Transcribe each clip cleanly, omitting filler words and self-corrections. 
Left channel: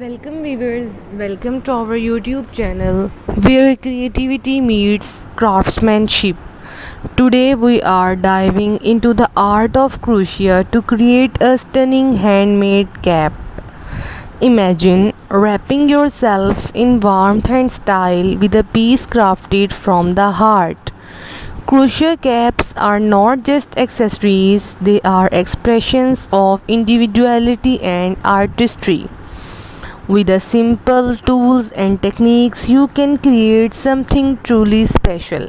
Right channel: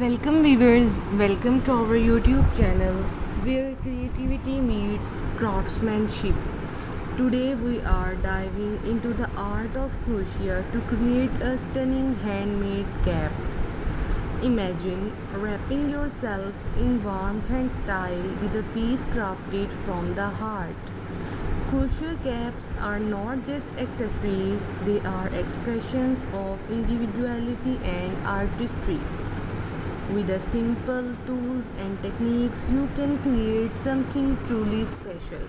Welcome viewers, welcome to our YouTube channel where creativity meets craftsmanship. Today we are diving into the art of crochet to create a stunning handmade cap. Imagine wrapping yourself in warmth and style with a piece crafted from the heart. Crochet caps are not just accessories, they are expressions of individuality and artistry. With the simple tools and techniques, you can create something truly special.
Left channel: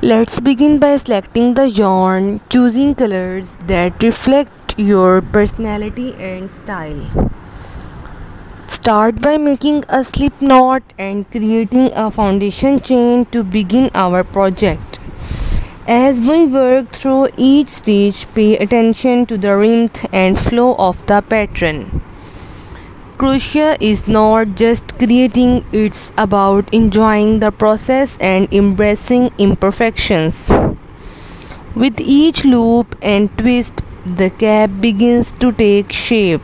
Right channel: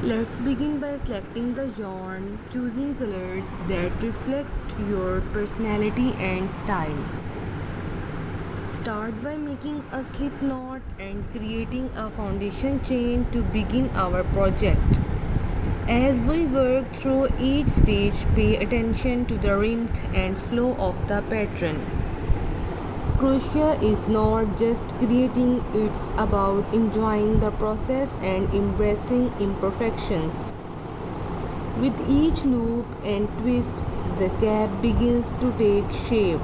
Let's begin by selecting the yarn, choosing colors that reflect your personality and style. Start by making a slip knot and creating a foundation chain to begin our project. As we work through each stage, pay attention to the rhythm and flow of the pattern. Crochet is not just creating, it's about enjoying the process and embracing imperfections. With each loop and twist, the cap begins to take shape.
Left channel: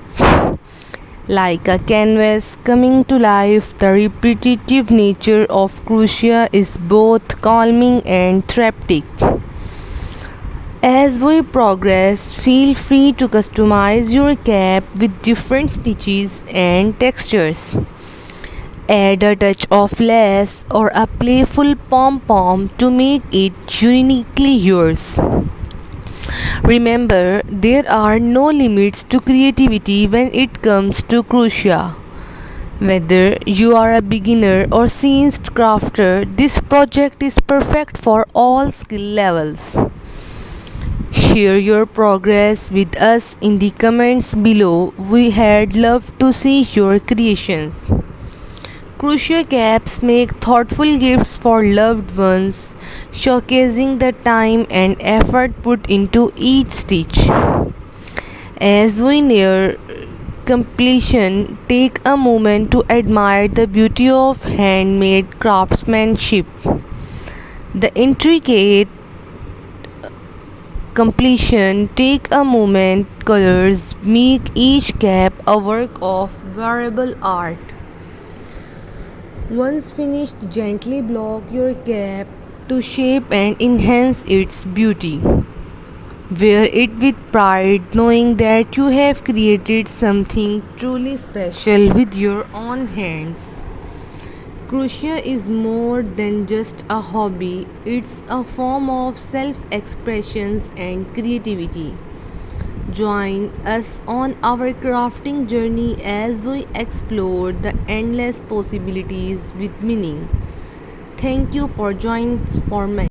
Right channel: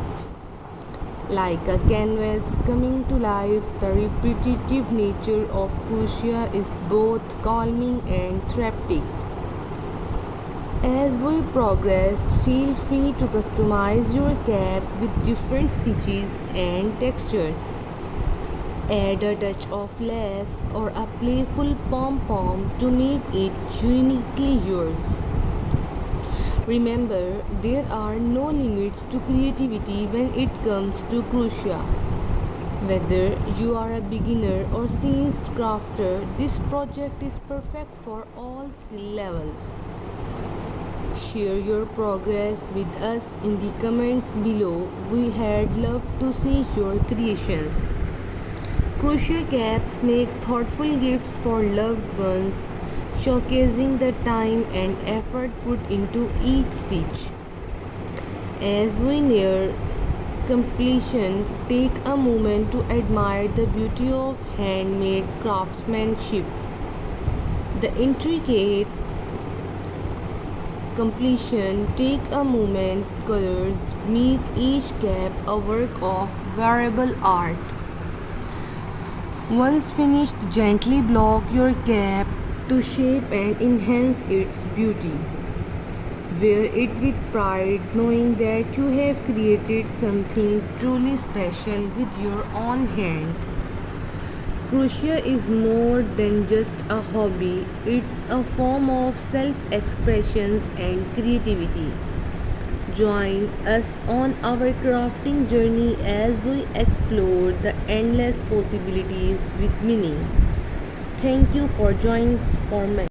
Like a canvas coming to life, the repetitive nature of crochet is both calming and therapeutic. As we progress, feel free to customize your cap with different stitches and textures. Add a touch of lace or a playful pom-pom to make it uniquely yours. Remember, there are no limits to creativity when it comes to crochet. Whether you are a beginner or seasoned crafter, this project is perfect for all skill levels. Share your progress with us in the comments below. We had loved to see your creations. Crochet caps make thoughtful gifts for loved ones, showcasing the time and effort put into each stitch. As we near completion, take a moment to admire the beauty of handmade craftsmanship. The intricate completion, take a moment, colors make each cap a work of wearable art. Once finished, gently block your cap to shape and enhance its beauty. Wear it with pride, knowing that you have created something truly special with your own hands. Crochet is more than just a hobby, it's a form of self expression and creativity. Join us on our crafting journey as we explore the endless possibilities with meaning. Thank you for joining for me.